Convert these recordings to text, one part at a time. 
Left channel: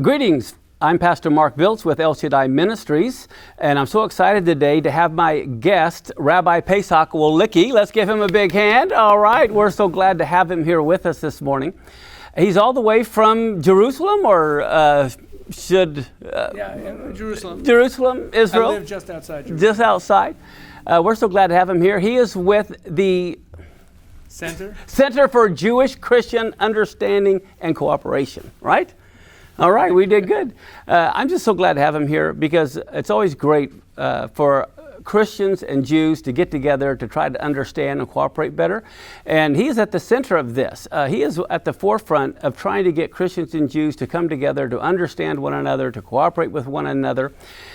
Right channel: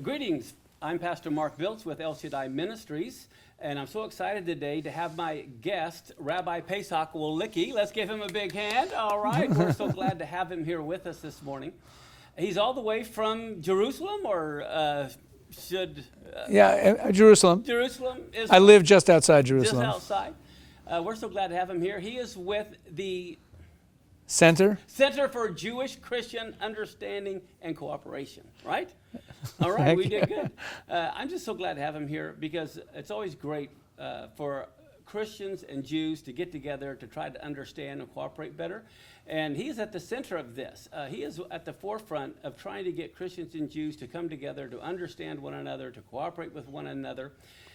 Greetings. I'm Pastor Mark Biltz with El Shaddai Ministries, and I'm so excited today to have my guest, Rabbi Pesach Wolicki. Let's give him a big hand. All right, we're so glad to have him here with us this morning. He's all the way from Jerusalem, or Jerusalem. Jerusalem, Israel. I live just outside Jerusalem. Just outside. We're so glad to have him here. He is with the Center for Jewish Christian Understanding and Cooperation, right? All right, we did good. I'm just so glad to have him here because it's always great for Christians and Jews to get together to try to understand and cooperate better. And he is at the center of this. He is at the forefront of trying to get Christians and Jews to come together, to understand one another, to cooperate with one another.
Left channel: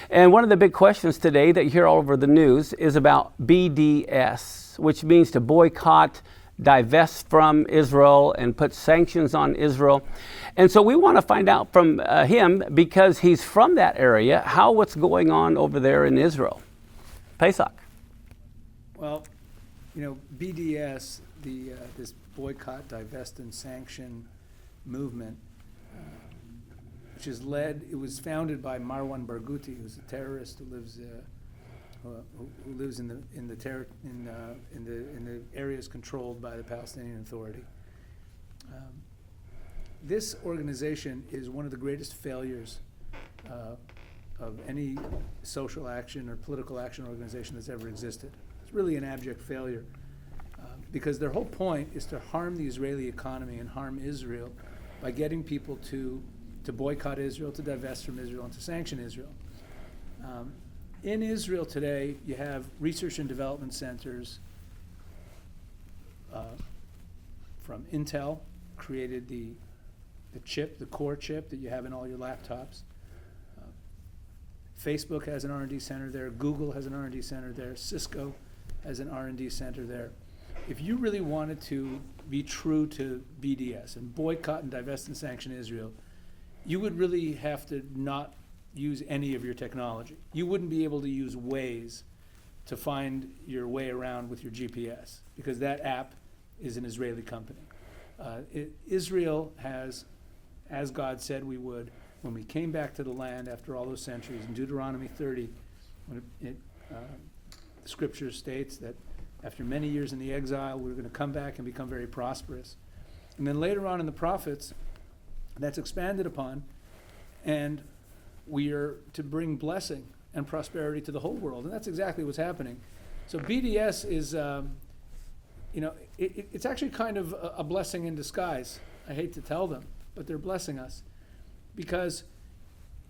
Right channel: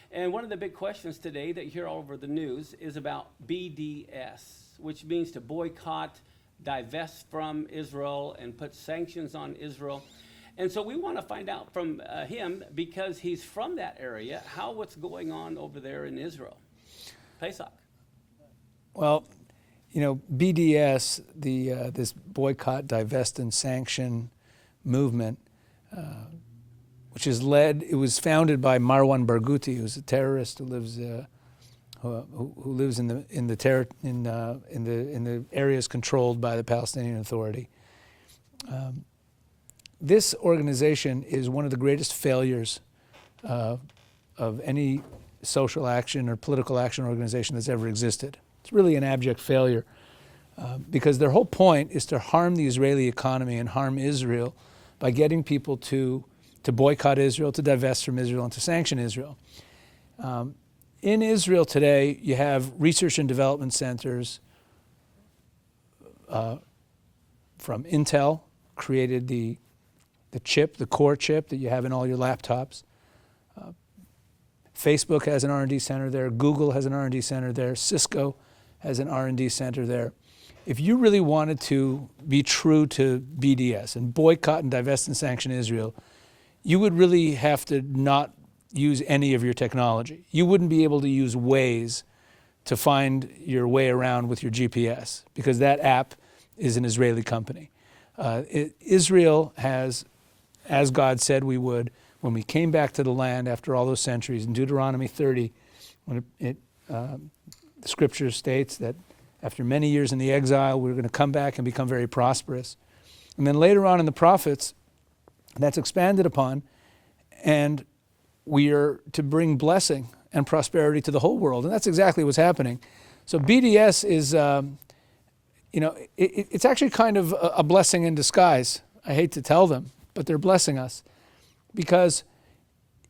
And one of the big questions today that you hear all over the news is about BDS, which means to boycott, divest from Israel, and put sanctions on Israel. And so we want to find out from him, because he's from that area, what's going on over there in Israel. Pesach. Well, BDS, this boycott, divest, and sanction movement, which is it was founded by Marwan Barghouti, who's a terrorist who lives in the areas controlled by the Palestinian Authority. This organization is one of the greatest failures of any social action or political action organization that's ever existed. It's really an abject failure because their whole point is to harm the Israeli economy and harm Israel by getting people to boycott Israel, to divest from Israel, and to sanction Israel. In Israel today, you have research and development centers from Intel, created the core chip that you have in all your laptops. Facebook has an R&D center there. Google has an R&D center there. Cisco has an R&D center there. If you really wanted to be true to BDS and boycott and divest and sanction Israel, you would really have to not use any of your technology. You wouldn't be able to use Waze to find your way around with your GPS, because that app is an Israeli company. Israel has, as God said we would, when we came back to the land after all those centuries, in Deuteronomy 30, when the scripture states that after many years in the exile, we're going to come back and become very prosperous. And then later on in the prophets, that's expanded upon, and we are to bring blessing and prosperity to the whole world. And that's exactly what's happening. So BDS is, it's actually kind of a blessing in disguise. I hate to tell them, but they're blessing us. Because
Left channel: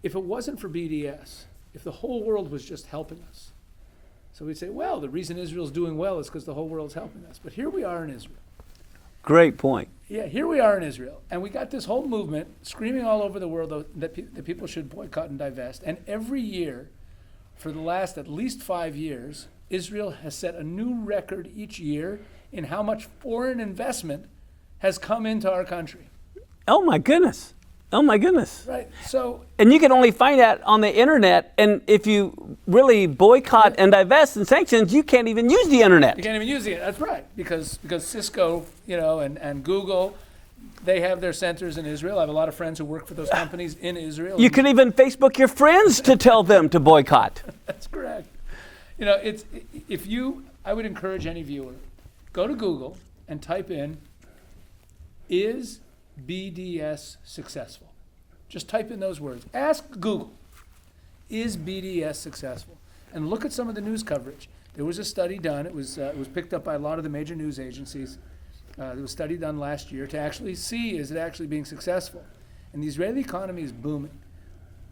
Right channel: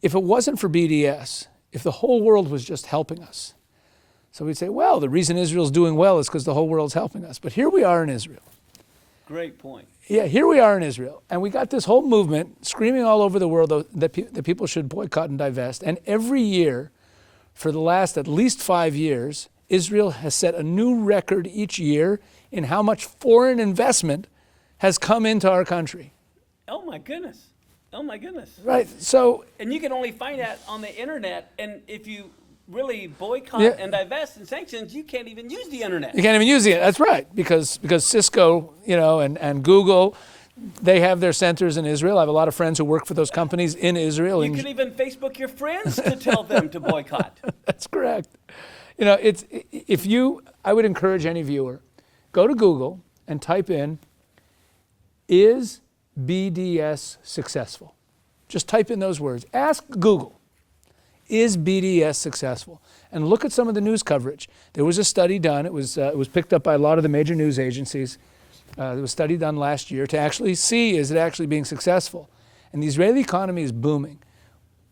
if it wasn't for BDS, if the whole world was just helping us, so we'd say, well, the reason Israel's doing well is because the whole world's helping us. But here we are in Israel. Great point. Yeah, here we are in Israel. And we got this whole movement screaming all over the world that people should boycott and divest. And every year, for the last at least 5 years, Israel has set a new record each year in how much foreign investment has come into our country. Oh my goodness. Oh my goodness. Right. So, and you can only find that on the internet, and if you really boycott and divest and sanctions, you can't even use the internet. You can't even use it. That's right. Because Cisco, and Google, they have their centers in Israel. I have a lot of friends who work for those companies in Israel. You can even Facebook your friends to tell them to boycott. That's correct. I would encourage any viewer, go to Google and type in, is BDS successful? Just type in those words. Ask Google, is BDS successful? And look at some of the news coverage. There was a study done. It was picked up by a lot of the major news agencies. There was a study done last year to actually see, is it actually being successful? And the Israeli economy is booming.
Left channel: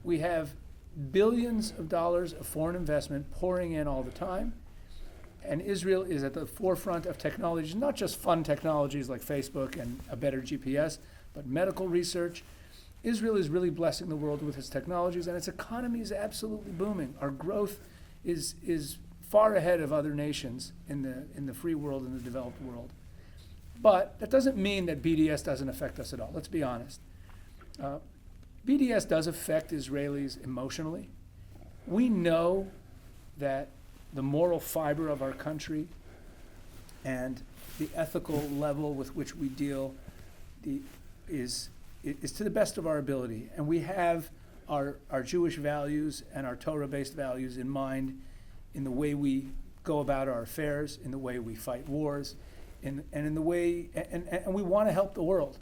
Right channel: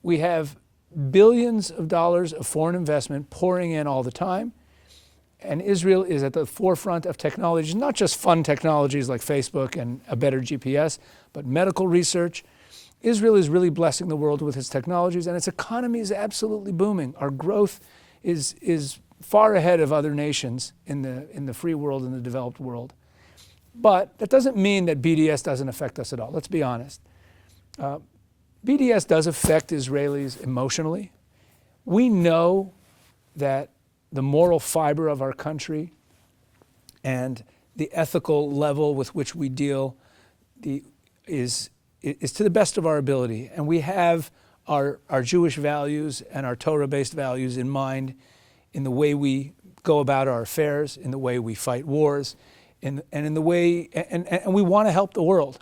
We have billions of dollars of foreign investment pouring in all the time. And Israel is at the forefront of technologies, not just fun technologies like Facebook and a better GPS, but medical research. Israel is really blessing the world with its technologies, and its economy is absolutely booming. Our growth is far ahead of other nations in the free world and the developed world. But that doesn't mean that BDS doesn't affect us at all. Let's be honest. BDS does affect Israelis emotionally. We know that the moral fiber of our country and the ethical level with which we deal is is to the best of our ability, and we have our Jewish values and our Torah-based values in mind in the way we go about our affairs, in the way we fight wars, and in the way, and we want to help the world.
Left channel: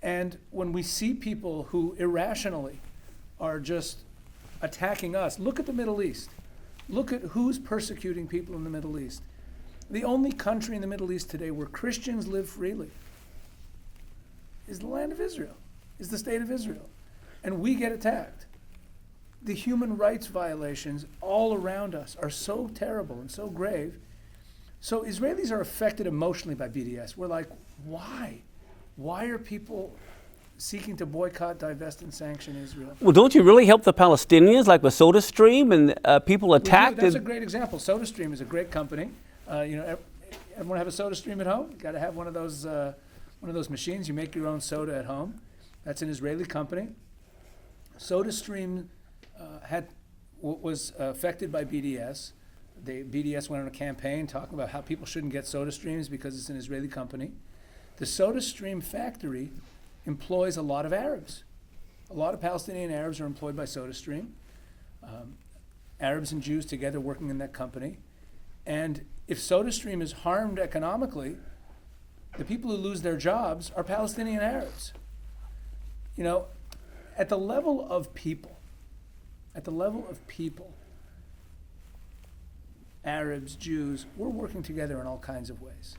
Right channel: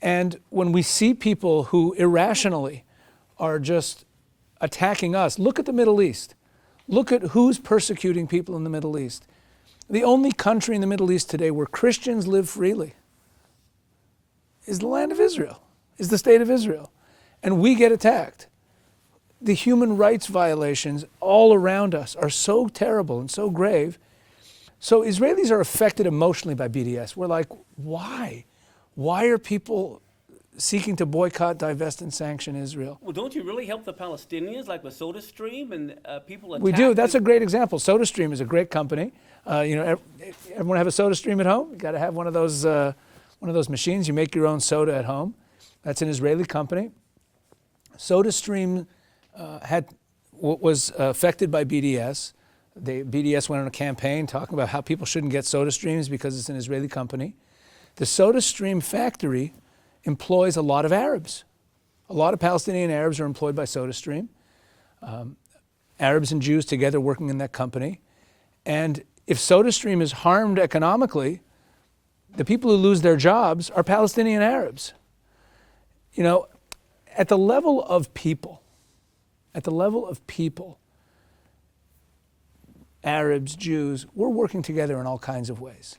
And when we see people who irrationally are just attacking us, look at the Middle East. Look at who's persecuting people in the Middle East. The only country in the Middle East today where Christians live freely is the land of Israel, is the state of Israel. And we get attacked. The human rights violations all around us are so terrible and so grave. So Israelis are affected emotionally by BDS. We're like, why? Why are people seeking to boycott, divest, and sanction Israel? Well, don't you really help the Palestinians, like with SodaStream and people attacked? We do. That's a great example. SodaStream is a great company. Everyone have a SodaStream at home? You got to have one of those machines. You make your own soda at home. That's an Israeli company. SodaStream was affected by BDS. BDS went on a campaign talking about how people shouldn't get SodaStreams because it's an Israeli company. The SodaStream factory employs a lot of Arabs. A lot of Palestinian Arabs are employed by SodaStream. Arabs and Jews together working in that company. And if SodaStream is harmed economically, the people who lose their jobs are Palestinian Arabs. You know, at the level of people, Arabs, Jews, we're working together in all kinds of ways.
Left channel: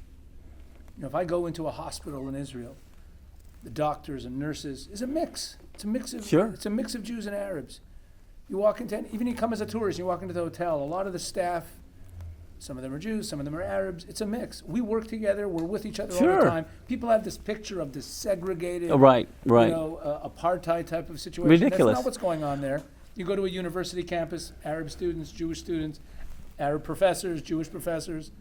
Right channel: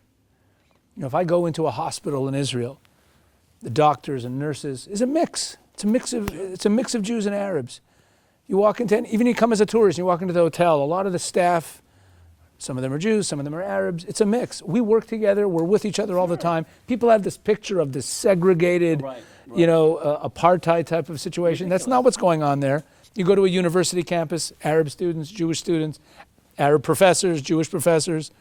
You know, if I go into a hospital in Israel, the doctors and nurses is a mix. It's a mix of It's a mix of Jews and Arabs. You walk into, even you come as a tourist, you walk into the hotel, a lot of the staff, some of them are Jews, some of them are Arabs. It's a mix. We work together. We're with each other all the time. People have this picture of this segregated, apartheid type of situation. Ridiculous. That's not what's going on there. You go to a university campus, Arab students, Jewish students, Arab professors, Jewish professors.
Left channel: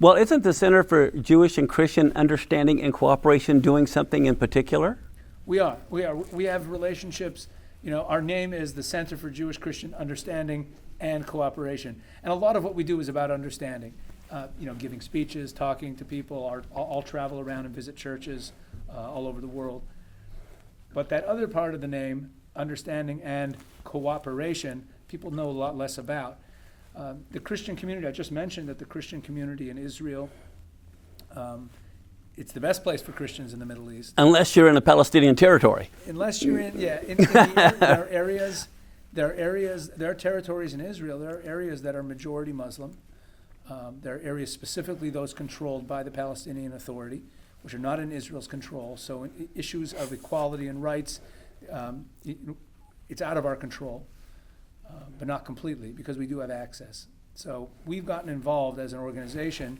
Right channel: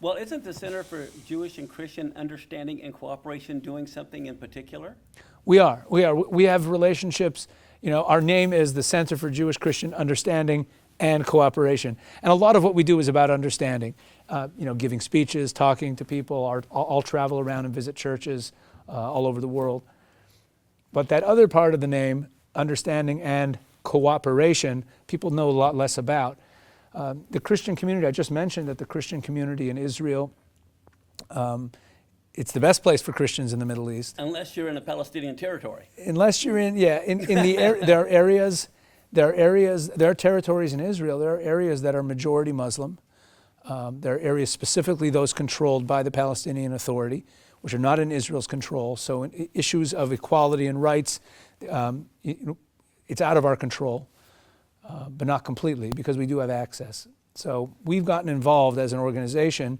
Well, isn't the Center for Jewish and Christian Understanding and Cooperation doing something in particular? We are. We have relationships. You know, our name is the Center for Jewish Christian Understanding and Cooperation. And a lot of what we do is about understanding. Giving speeches, talking to people. I'll travel around and visit churches all over the world. But that other part of the name, understanding and cooperation, people know a lot less about. The Christian community, I just mentioned that the Christian community in Israel, it's the best place for Christians in the Middle East. Unless you're in a Palestinian territory. Unless you're there are territories in Israel, there are areas that are majority Muslim. There are areas specifically those controlled by the Palestinian Authority, which are not in Israel's control. So issues of equality and rights, it's out of our control. But not completely, because we do have access. So we've gotten involved as an organization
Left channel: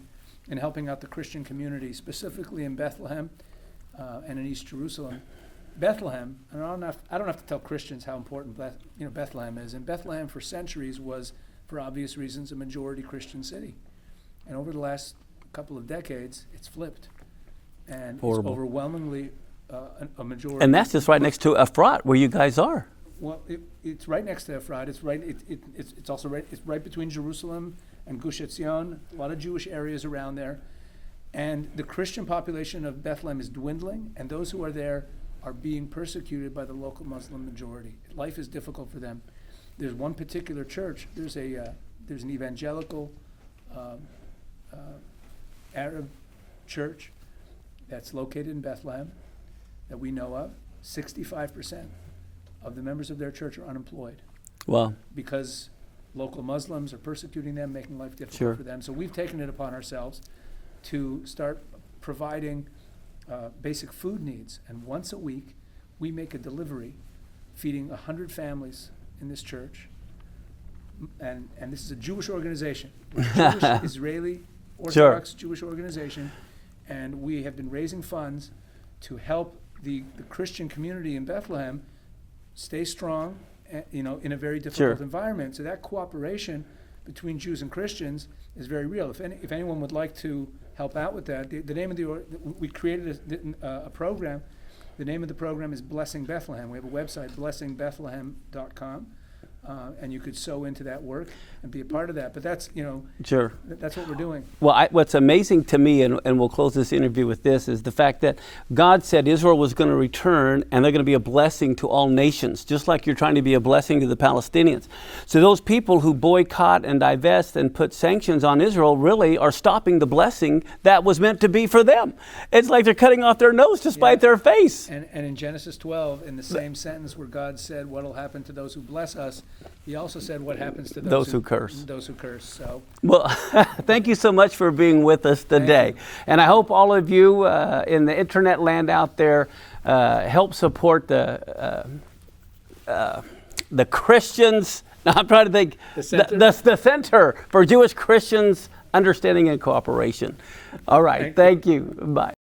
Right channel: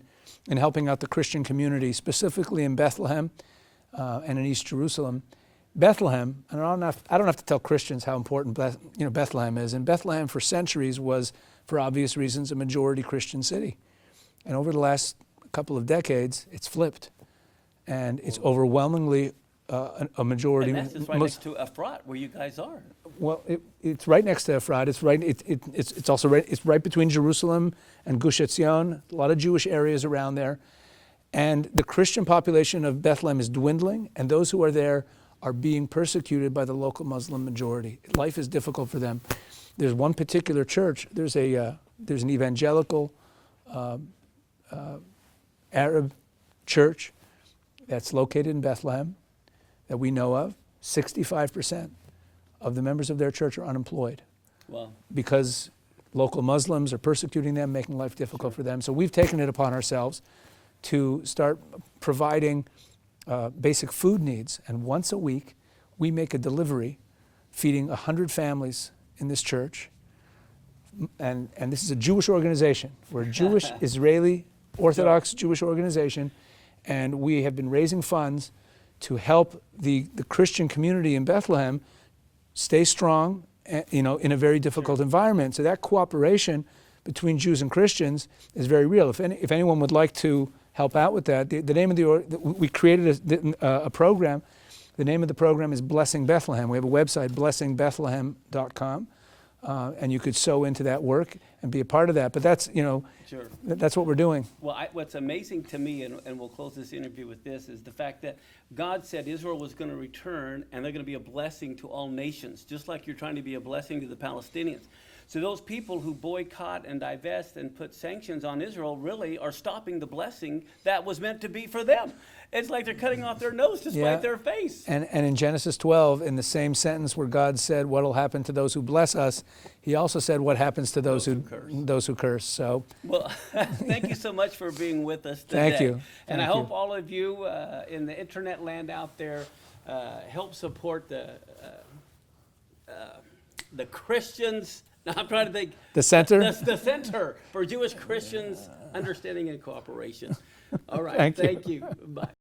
in helping out the Christian community, specifically in Bethlehem and in East Jerusalem. Bethlehem, and I don't have to tell Christians how important Bethlehem is. And Bethlehem for centuries was, for obvious reasons, a majority Christian city. And over the last couple of decades, it's flipped. And it's overwhelmingly a majority. And that's just right next to Efrat, where you guys are. Well, it's right next to Efrat. It's right between Jerusalem and Gush Etzion. A lot of Jewish areas around there, and the Christian population of Bethlehem is dwindling, and those who are there are being persecuted by the local Muslim majority. Life is difficult for them. There's one particular church. There's an evangelical Arab church that's located in Bethlehem that we know of. 65% of the members of their church are unemployed. Wow. Because local Muslims are persecuting them, making life difficult for them. So we've taken it upon ourselves to start providing basic food needs. And once a week, we make a delivery feeding 100 families in this church. And this is a Jewish organization. We're a Jewish, Israeli, Orthodox Jewish organization. And we have been raising funds to help the Christian community in Bethlehem stay strong, in a very difficult environment. So that cooperation between Jews and Christians is very real. If anyone would like to help out with that, the name of we created a program. The name of the program is Blessing Bethlehem. We have a website, blessingbethlehem.com, and you could sow into that work. and be a part of that. But that's, Sure. that's what we're doing. Well, what's amazing to me, and we'll close this interview with this, is the fact that God said Israel was going to return and they're going to be a blessing to all nations, just like you're trying to be a blessing to the Palestinians. So those people who boycott and divest and put sanctions on Israel really are stopping the blessing that was meant to be for them. It's like they're cutting off their nose to spite their face. And in Genesis 12, in the same sentence where God said, what will happen to those who bless us, he also said what happens to those who curse. Those who curse. So, well, thank you so much for being with us today. Thank you. And I hope all of you in the internet land out there help support the Christians. Now I'm trying to think. The Center? The Center for Jewish Christians Understanding and Cooperation. All right. Thank you. Bye.